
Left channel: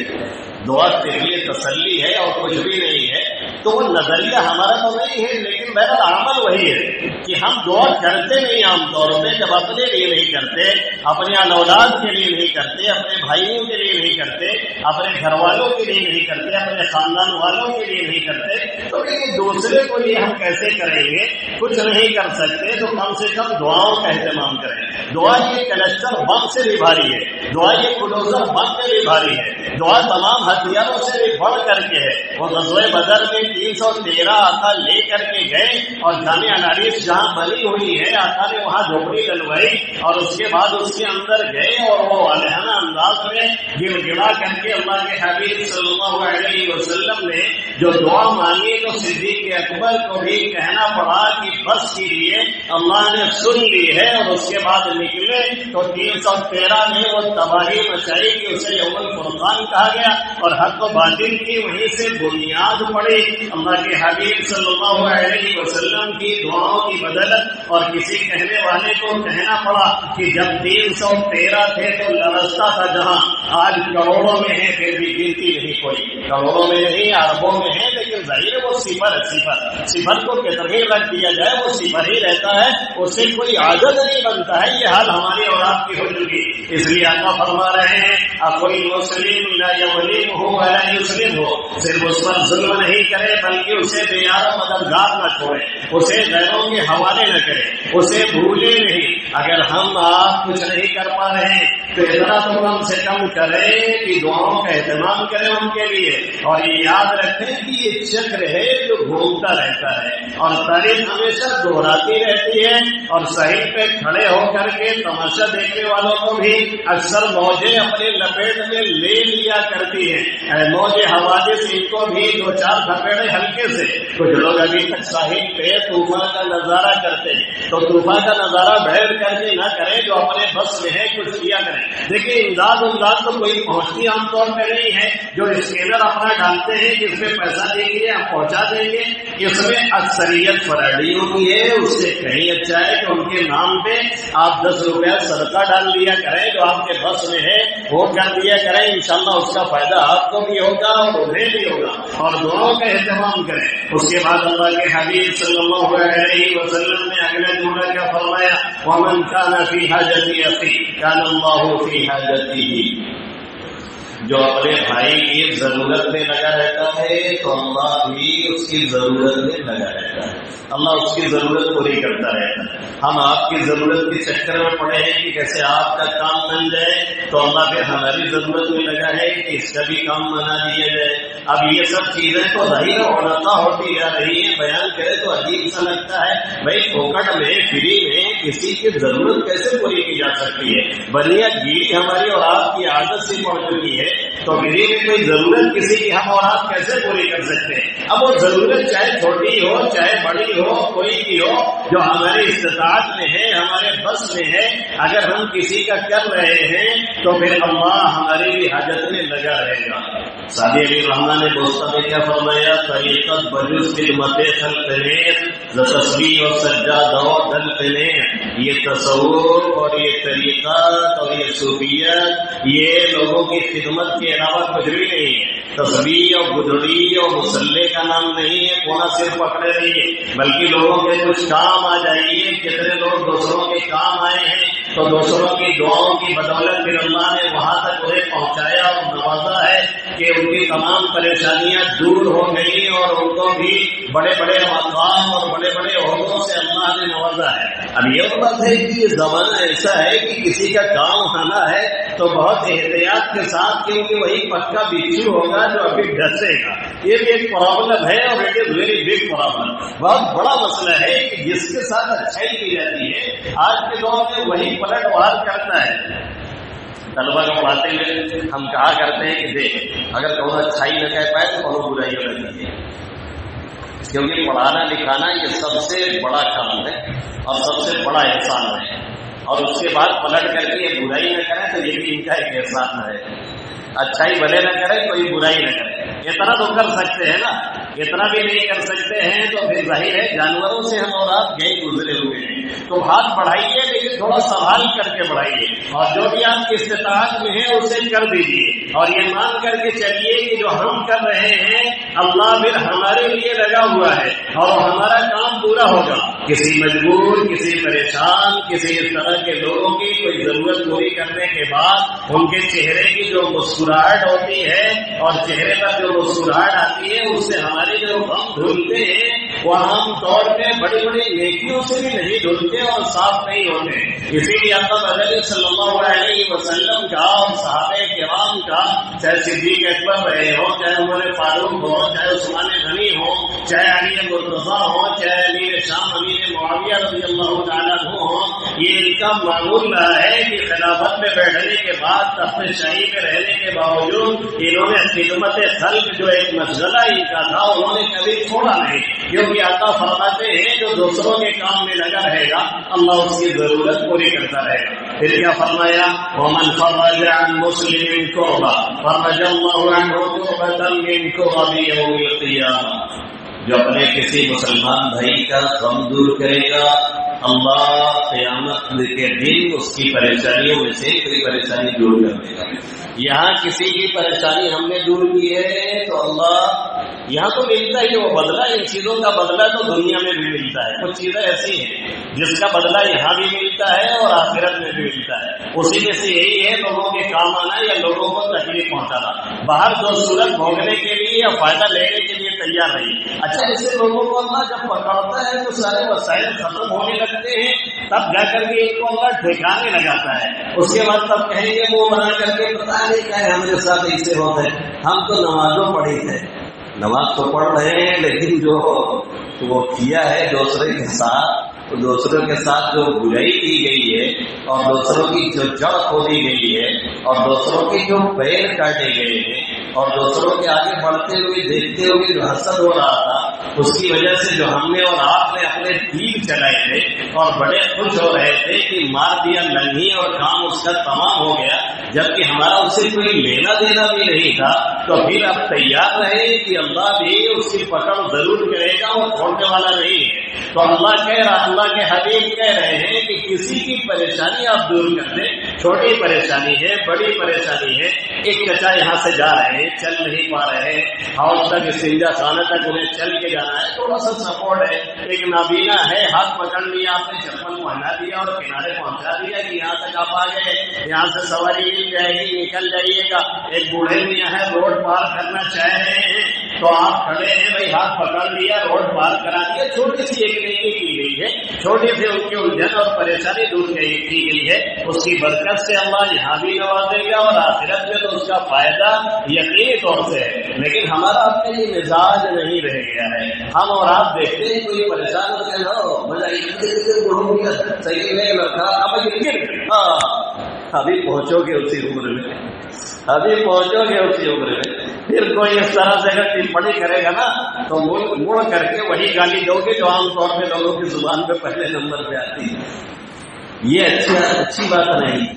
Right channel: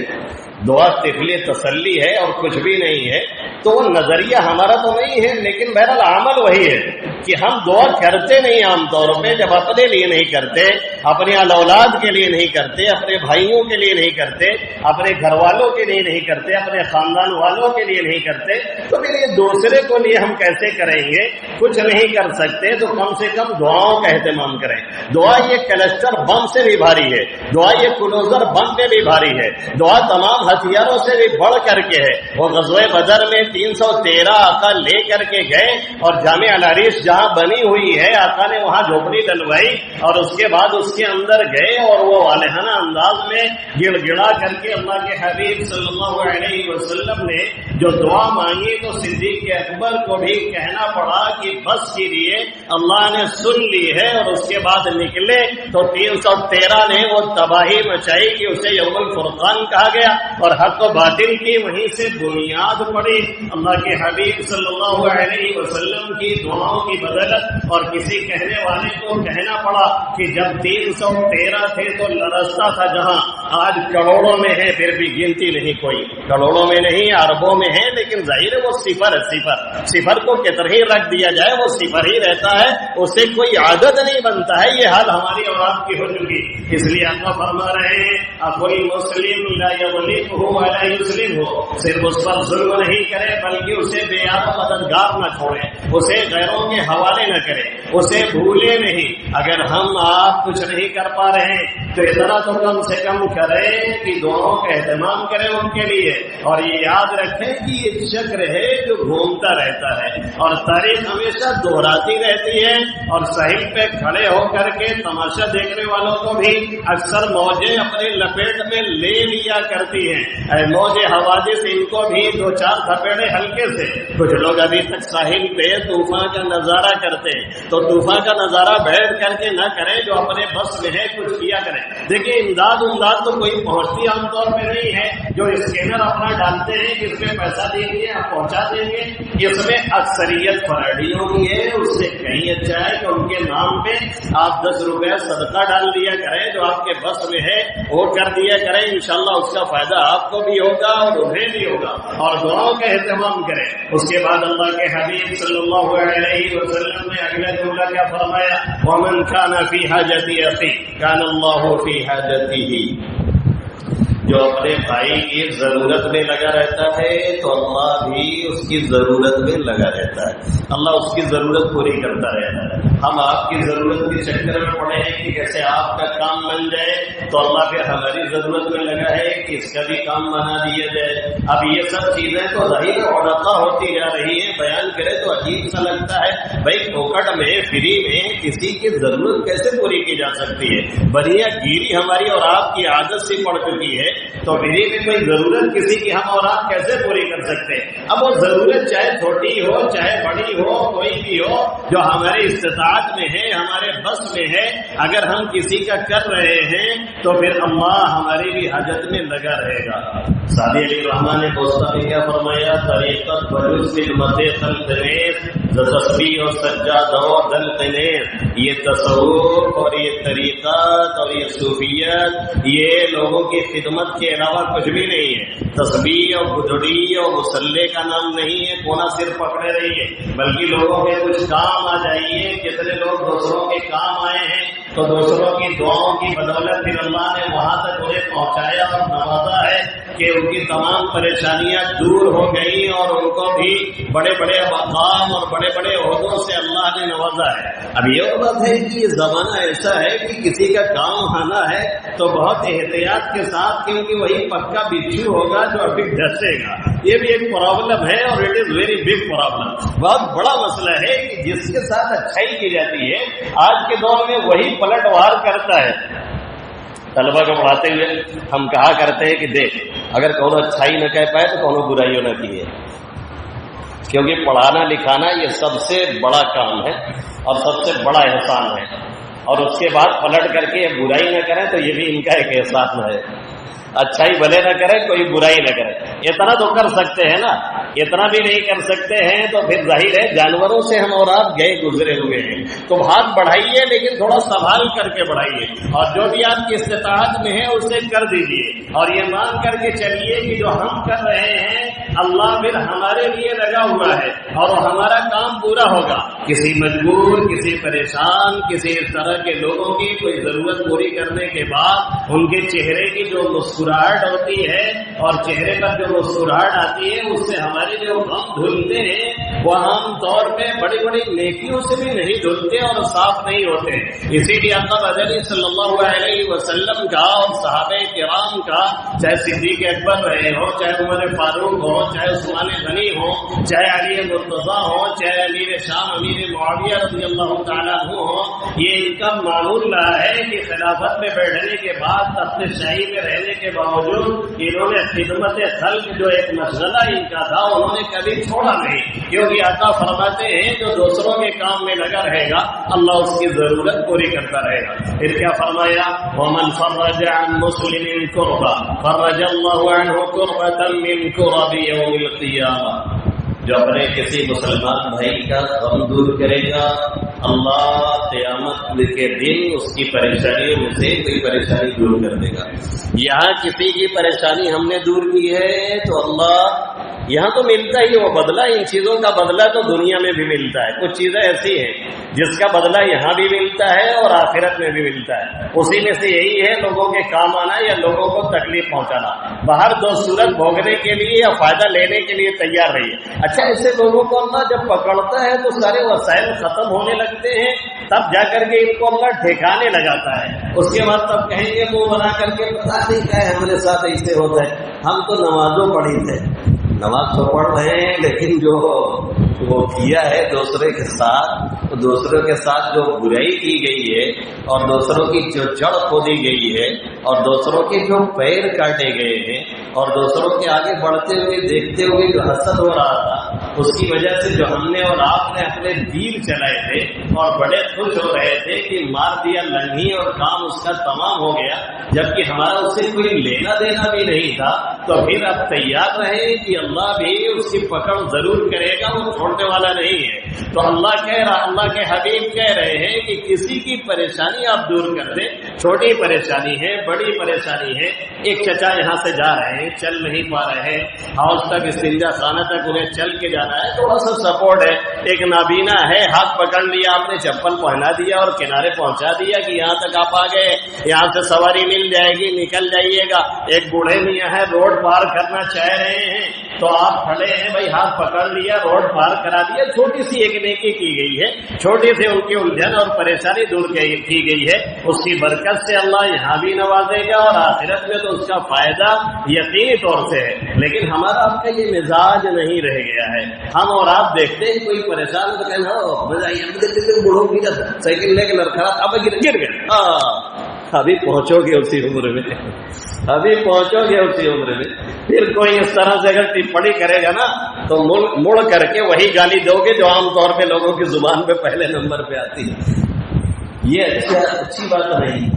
دعا طفلی تسلی ہے اور کچھ بھی نہیں ہے، تو وہ نظریہ ہمارا تو نہیں ہے، لیکن بہرحال عمل وہی ہے کہ ہم دعا کرتے نہیں عام طور پہ، جب اپنے لیے نہیں کرتے، اپنی اولاد کے لیے نہیں کرتے، اپنے بھائیوں کے لیے نہیں کرتے، اپنے گھر والوں کے لیے نہیں کرتے، اپنے خاندان والوں کے لیے نہیں کرتے، تو پھر یہ دوسرے کو لیے ہم کیسے کریں گے؟ کچھ نہیں کر سکتے تو کم سے کم دعاؤں کا اہتمام کریں۔ دعا یہ کلسٹر بم سے بھی بھاری ہے، دعا یہ کلوزر بم پہ بھی بھاری ہے، دعا تمام ہتھیاروں سے بھی بڑھ کر کے ہے۔ وہ غزوہ بدر میں 313 آقا لے کر کے گئے، اور جامع العریش جہاں بنی ہوئی ہے آقا نے وہاں جھوپڑی ڈلوائی، اور اس کے بعد اس کے اندر گئے اور وہ والہانہ انداز میں گڑ گڑا کر کے اللہ کے حبیب صلی اللہ علیہ وسلم نے جو دعا مانگی تو صدیق اکبر کو بھی کہنا پڑا کہ بس کیجیے، اللہ نے سن لی ہے، اور اس کے بعد نکلے تو 313 نے وہ تباہی مچائی کہ اسے یوم الفرقان کہا گیا، اور حق و باطل کی وہیں سے بنیاد پڑی۔ اللہ کے حبیب صلی اللہ علیہ وسلم کی دعاؤں کی بدولت، اور کسی کہنے والے کو کہنا پڑا کہ جب 313 تھے تو لرزتا تھا جہاں، آج کروڑوں میں ہے پھر بھی گنتی نہیں کوئی، کروڑوں میں نہیں اربوں میں ہے، لیکن ظاہر ہے وہ صفر ہے، صفر کو کتنا ہی رکھ دیا جائے وہ صفر ہی رہتا ہے، اسے کوئی عدد نہیں بنتا ہے۔ یہ حال ہماری اور آپ کی ہو چکی، اس لیے اللہ فرما رہے ہیں کوئی مسلم لا یظلم ہو ولا یسلم ہو، صرف اس پر ظلم نہیں کرے بلکہ اسے بے یار مددگار نہ چھوڑے، اسے غیروں کے حوالے نہ کرے، اسے بھولے نہیں۔ اگر ہم آپ کچھ نہیں کر پا رہے ہیں تو اتنا تو کم سے کم کریں کہ دعاؤں کا اہتمام کریں ان کے لیے، اور یہ یاد رکھیں کہ یہ چکر ہے جو گھومتا رہتا ہے، اور تاریخ ہمیشہ دہراتی رہتی ہے، اور صحیح پہ کھڑے ہو کر کے تماشا دیکھنے والوں کو بھی اکثر موجیں اپنے لپیٹ میں لے لیا کرتی ہیں۔ موج حوادث ان کو بھی 2-4 دھپیڑے ہلکے سے۔ کچھ لوگ ابھی تک ساحل پہ طوفان کا نظارہ کرتے ہیں، تو طوفان کا نظارہ بیٹھ کر کے نہ کریں، جو اپنے بس میں ہے کچھ کیا کریں۔ دیکھیں امداد تو کوئی پہنچتی عام طور پہ نہیں ہے، جو اسکینر اپنا ڈالتے ہیں جس میں پیسہ دیں گے آپ پہنچا دیں گے، اس میں اکثریت فرائیڈیوں کی ہے۔ اس سے کہیں اچھا ہے کہ ان کے نام پہ آپ 10 روپیہ صدقہ ڈال دیا کریں، جو آپ کے بس میں ہے وہ کر دیا کریں، انشاءاللہ اس کا فائدہ آپ کو بھی ہوگا اور انہیں بھی ہوگا، اور دعاؤں کا اہتمام کریں۔ اس کے بعد اللہ کے حبیب صلی اللہ علیہ وسلم نے اگلے جملہ کیا فرمایا، وَمَنْ كَانَ فِي حَاجَةِ أَخِيهِ كَانَ اللَّهُ فِي حَاجَتِهِ۔ جو اپنے بھائی کی ضرورت میں لگا رہتا ہے تو اللہ بھی اس کی ضرورت میں لگا رہتا ہے، اللہ اس کی ضرورت پوری کرتا رہتا ہے۔ ہم آپ کی ضرورت کے چکر میں پڑے ہیں کہ کیسے آپ کا کام بن جائے، تو اللہ پھر ہماری ضرورت میں لگا ہے کہ اس کا بھی کام بنا دیا جائے۔ اب یہ سب چیزیں تو ظاہر علقہ ہوتی جا رہی ہیں، بیان کرے تو عجیب سا لگتا ہے، بھائی پھوکٹ میں فری میں کسی کی ضرورت کیسے پوری کی جا سکتی ہے؟ بنیا گیری ہماری اور آپ کی عادت سے پڑ چکی ہے، تو فری میں کوئی ضرورت کسی کی ہم اور آپ کیسے پوری کر سکتے ہیں؟ اب وہ ضرورت چاہے چھوٹی ہو چاہے بڑی ہو، کوئی کی ہو، جو ہمارے استطاعت میں ہے، ہمارے بس میں ہے، اگر ہم کسی کا کر رہے ہیں تو پھر اللہ ہماری بھی حاجت میں لگا رہے گا۔ سعدی علی رحمٰن نے دوستہ میں کیا فرمایا، طریقت بجز خدمت خلق نیز ز تسبیح و سجادہ و دل نیز۔ یہ تصوف اور یہ طریقت اور یہ صوفیت یہ لوگوں کی خدمت کے علاوہ کچھ بھی نہیں ہے۔ تسبیح اور گدڑی اور مسلح کا نام نہیں ہے، کونا صرف پکڑے رہیے، بلکہ لوگوں کے کچھ کام آ جائیے۔ کتنے لوگ دوسروں کے کام آئے ہیں تو دوسروں کی دعاؤں کی بدولت پھر اللہ نے وہاں تک انہیں پہنچایا اور نوازا ہے کہ ان کی تمام پریشانیاں دور ہو گئی، اور ان کو بھی بڑے بڑے مقام اور بڑے بڑے عہدوں سے اللہ نے نوازا ہے۔ اب یہ بات ہے کہ یہ زمانہ ایسا ہے کہ کسی کا کام آنا ہے تو بہت احتیاط کے ساتھ، کیونکہ وہی پکا بچھو ہوگا جو ابھی ڈسے گا۔ یہ بھی ایک پرابلم ہے، اور it is very big problem, بہت بڑا مسئلہ ہے کہ جس کے ساتھ اچھائی کی جاتی ہے آج کے دور میں وہی پلٹ وار کرتا ہے۔ طلبہ کو پڑھاتے ہوئے ہم کہا کرتے ہیں کہ دیکھ، اگر کونوں اچھائی نہ کہہ پائے تو کونوں برائیوں نہ کیے، کیونکہ پڑھانا لکھانا یہ سب سے بڑا کام ہے اور سب سے بڑا احسان ہے، اور اس کے بعد پلٹ کر کے یہ برائی نہ کریں تو یہ بھی ان کا ایک احسان ہے۔ اچھائی بھلے نہ کرے، کوئی برائی نہ کرے، اتنا تو کر سکتے ہیں نا، اتنا بھی نہیں کر سکتے ہیں تو پھر ظاہر ہے جانوروں سے ہم اور آپ گئے گزرے ہوئے ہیں۔ تو ہاتھ بڑھائیے لیکن تھوڑا سنبھال کر کے بڑھائیے، اور جو بھی آپ کی استطاعت میں ہے اسے کر دیجیے، اور یہ مان کر کے چلیے کہ جو ہم کر رہے ہیں اللہ پھر ہمارے لیے لگا ہوا ہے اور ہمارا کام پورا ہوگا۔ کسی مجبور، کسی پریشان، کسی اس طرح کے لوگوں کی کوئی ضرورت پوری کرنے کے بعد ان کے چہرے کی جو مسکراہٹ ہوتی ہے اور چہرے پر جو مسکراہٹ آتی ہے، اس سے ہمارے جو غم دھلتے ہیں وہ عام طور پہ بڑی بڑی نیکیوں سے بھی نہیں دھلتے اور صاف نہیں ہوتے۔ اسی لیے اللہ علیہ صلی اللہ علیہ وسلم کا اور صحابہ کرام کا، چاہے صدیق اکبر رہے ہو، چاہے عمر فاروق ہو، چاہے عثمان غنی ہو، چاہے علی مرتضیٰ ہو، چاہے علی امیر شام امیر معاویہ رضی اللہ تعالیٰ عنہ، یہ ان کا معمول رہا ہے کہ خلافت میں بیٹھنے کے بعد تخت شاہی میں رہنے کے باوجود انہوں نے خدمت خلق جو ایک مشغلہ ان کا تھا انہوں نے کبھی چھوڑا نہیں، کیونکہ آقا فرماتے ہیں جو دوسروں کے کام میں لگا رہے گا اللہ اس کی ضرورت پوری کرتا رہے گا۔ پھر کیا فرمایا؟ وَمَنْ فَرَّجَ عَنْ مُسْلِمٍ كُرْبَةً فَرَّجَ اللَّهُ عَنْهُ كُرْبَةً مِّن كُرَبِ يَوْمِ الْقِيَامَةِ۔ جو اپنے کسی مسلمان بھائی کا غم دور کرے گا اللہ قیامت کے دن اس کی پریشانیوں میں سے کوئی پریشانی دور کر دے گا۔ یہاں کسی کی پریشانی ہم نے دور کی ہے تو اللہ یہاں تو ملتا ہی وہ بدلہ، ان چیزوں کا بدلہ تو دنیا میں بھی ملتا ہے۔ کچھ چیزیں ایسی ہیں جس کا بدلہ یہاں بھی ملتا ہے اور آخرت میں بھی ملتا ہے، اسی میں سے یہی ہے لوگوں کے کام آنا یا لوگوں کو تکلیف پہنچانا۔ باہر دو صورت بھوگنے کے لیے یا فائدہ لینے کے لیے تیار رہیے۔ اچھا ایسے لوگوں کو اللہ جب پکڑتا ہے تو سارے وسائل ختم ہونے لگتے ہیں، تب جا کر کے ان کو اللہ ٹھکانے لگاتا ہے۔ اس کے بعد تب کہیں گے منہ بنا کر کے پتا نہیں کیا ہے ہمارے ساتھ ایسے ہوتا ہے، ہم تو نمازوں پڑھی تھے، نماز تو پڑھ رہے ہیں لیکن جو وہ کیا ہے دوسرے کے ساتھ جو برائی کی گئی ہے اور دوسروں کی جو جڑ کھودی گئی ہے اور دوسروں کے جو پیر کاٹے گئے ہیں اور دوسروں کے آگے بڑھتے ہوئے دیکھتے ہوئے جو حسد ہو رہا تھا، اس کی وجہ سے جو ہم نے اور آپ نے اپنے دین چلائے تھے اور بڑے خوش ہو رہے تھے کہ مار دیا لنگھی اور کام اس کا تمام ہو گیا، جبکہ ہمارا اس سے کوئی لینا دینا بھی نہیں تھا، تو پھر اب تیار رہے کہ اللہ بھی اس کی پکڑ ضرور کرے گا، وہ چھوڑنے والا نہیں ہے۔ تو اللہ کے حبیب کہہ رہے ہیں کہ کسی کی پریشانی آپ دور کر دیں، چھوٹی پریشانی ہے بڑی پریشانی ہے۔ ایک چچا یہاں سے جا رہے ہیں، چل نہیں پا رہے ہیں، ہاؤس تک استنجا خانہ تک انہیں چل کے جانا ہے، تھوڑا سا سپورٹ ہے۔ ایک نابینا ہے، ہاتھ پکڑ لیا آپ نے، چپل پہنا دیا اور کنارے پہنچا دیا کہ یہاں تک آپ آ گئے، یہاں سے سواری مل جائے گی، نکل جائیے گا۔ ایک بوڑھے میاں ہے، روڈ پار کرنا چاہ رہے ہیں تو آپ کھڑے ہیں، بھائی ہاتھ پکڑ لیا، روڈ پار کرا دیا۔ چھوٹی سی ایک نیکی کی گئی ہے، چھوٹی سے ان کی الجھن اور پریشانی دور کی گئی ہے، اس کی برکت سے اللہ یہاں بھی نوازے گا اور آخرت میں تو اس کا فائدہ یقینی طور سے ہے۔ لیکن ہمارا آپ کا یہ مزاج نہیں رہ گیا ہے۔ ہم اور آپ دیکھتے ہیں کوئی پریشان ہو کہ بوڑھوں کی سائیکل لے کے لڑکا اب گر گئے، ابھی پہنچو گے اسی عمر میں، ابھی پہنچو گے اسی عمر میں۔ پھر کوئی اس طرح سے اگر ٹپڑی کرے گا نا تو مڑ کر کے وہی گالی دو گے جو عام طور پہ لوگوں کی زبان پہ پہلے نمبر پہ آتی ہے۔ یہ اچھی بات نہیں،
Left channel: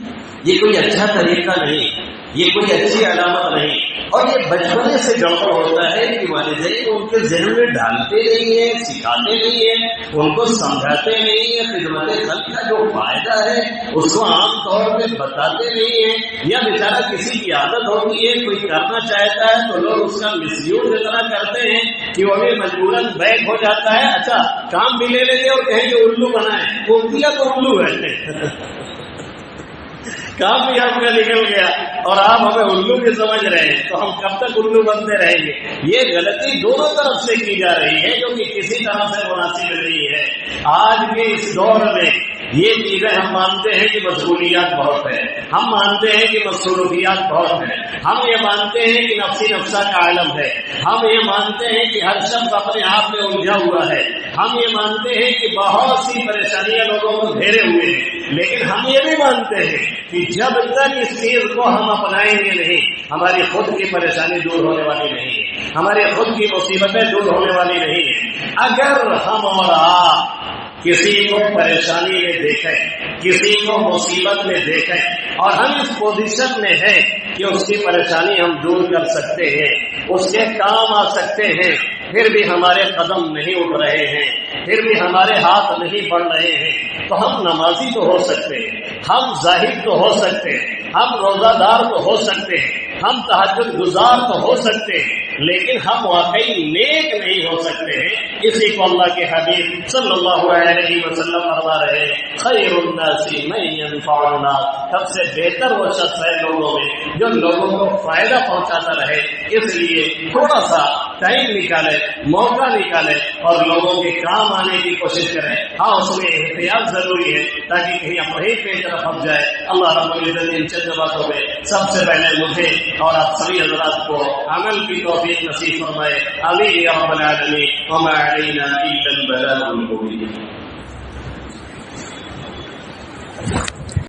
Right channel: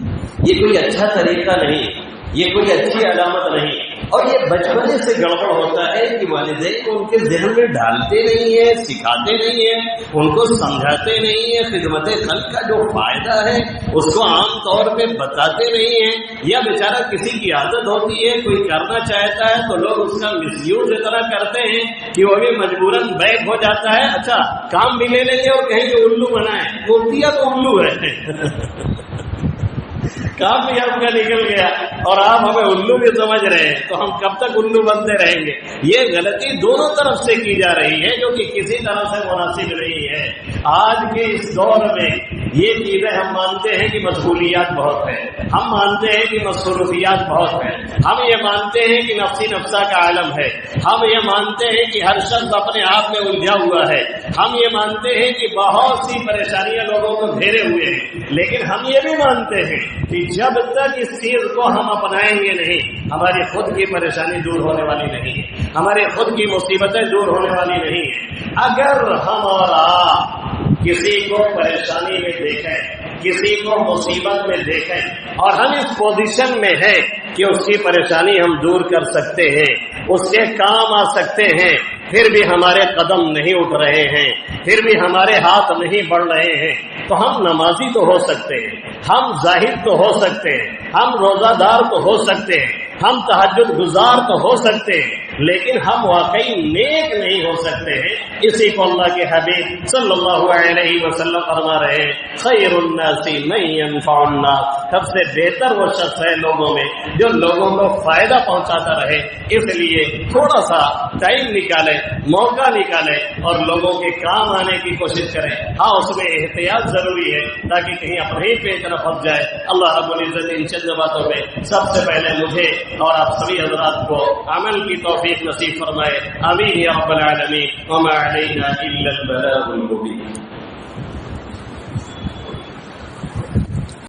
یہ کوئی اچھا طریقہ نہیں، یہ کوئی اچھی علامت نہیں۔ اور یہ بچپنے سے گڑبڑ ہوتا ہے کہ والدین کو ان کے ذہن میں ڈالتے نہیں ہیں، سکھاتے نہیں ہیں، ان کو سمجھاتے نہیں ہیں، خدمت خلق کا جو فائدہ ہے اس کو عام طور پہ بتاتے نہیں ہیں، یا بیچارہ کسی کی عادت ہوتی ہے کوئی کرنا چاہتا ہے تو لوگ اس کا مس یوز اتنا کرتے ہیں کہ وہ بھی مجبوراً بیک ہو جاتا ہے۔ اچھا کام بھی لے لیں گے اور کہیں کہ الو بنائیں، وہ دیا تو الو ہے کام بھی آپ کا نکل گیا اور آپ ہمیں الو بھی سمجھ رہے ہیں، تو ہم کب تک الو بنتے رہیں گے؟ یہ غلطی دونوں طرف سے کی جا رہی ہے جو کہ کسی طرح سے مناسب نہیں ہے۔ آج کے اس دور میں یہ چیزیں ہم مانتے ہیں کہ مشغولیات بہت ہیں، ہم مانتے ہیں کہ مصروفیات بہت ہیں، ہم یہ مانتے ہیں کہ نفسی نفسہ کا عالم ہے، ہم یہ مانتے ہیں کہ ہر شخص اپنے آپ میں الجھا ہوا ہے، ہم یہ مانتے ہیں کہ بہت سی پریشانیاں لوگوں کو گھیرے ہوئے ہیں، لیکن ہم یہ بھی مانتے ہیں کہ جب تک اس چیز کو ہم اپنائیں گے نہیں، ہماری خود کی پریشانی دور ہونے والی نہیں ہے، ہماری خود کی مصیبتیں دور ہونے والی نہیں ہیں۔ اگر ہم اور آپ کسی کو پریشانی میں دیکھیں، کسی کو مصیبت میں دیکھیں اور ہم اس پوزیشن میں ہیں کہ اس کی پریشانی ہم دور کر سکتے ہیں، اس کے کام آ سکتے ہیں، پھر بھی ہمارے قدم نہیں اٹھ رہے ہیں، پھر بھی ہمارے ہاتھ نہیں بڑھ رہے ہیں، تو ہم نمازی تو ہو سکتے ہیں، ہم زاہد تو ہو سکتے ہیں، ہم روزہ دار تو ہو سکتے ہیں، ہم تہجد گزار تو ہو سکتے ہیں، لیکن ہم واقعی نیک نہیں ہو سکتے ہیں۔ اسی کو اللہ کے حبیب صلی اللہ علیہ وسلم فرما رہے ہیں، خیر الناس من ينفع الناس، سب سے بہتر وہ شخص ہے لوگوں میں جو لوگوں کو فائدہ پہنچاتا رہے۔ اس لیے تھوڑا سا ٹائم نکالے، موقع نکالے اور لوگوں کے کام آنے کی کوشش کریں۔ ہاں اس میں احتیاط ضروری ہے تاکہ کہیں اپنے ہی پیٹ نہ پھنس جائے۔ اللہ رب العزت ان چند باتوں میں سب سے پہلے مجھے اور آپ سبھی حضرات کو عمل کی توفیق نصیب فرمائے. آمین یا رب العالمین. وما علینا الا البلاغ المبین.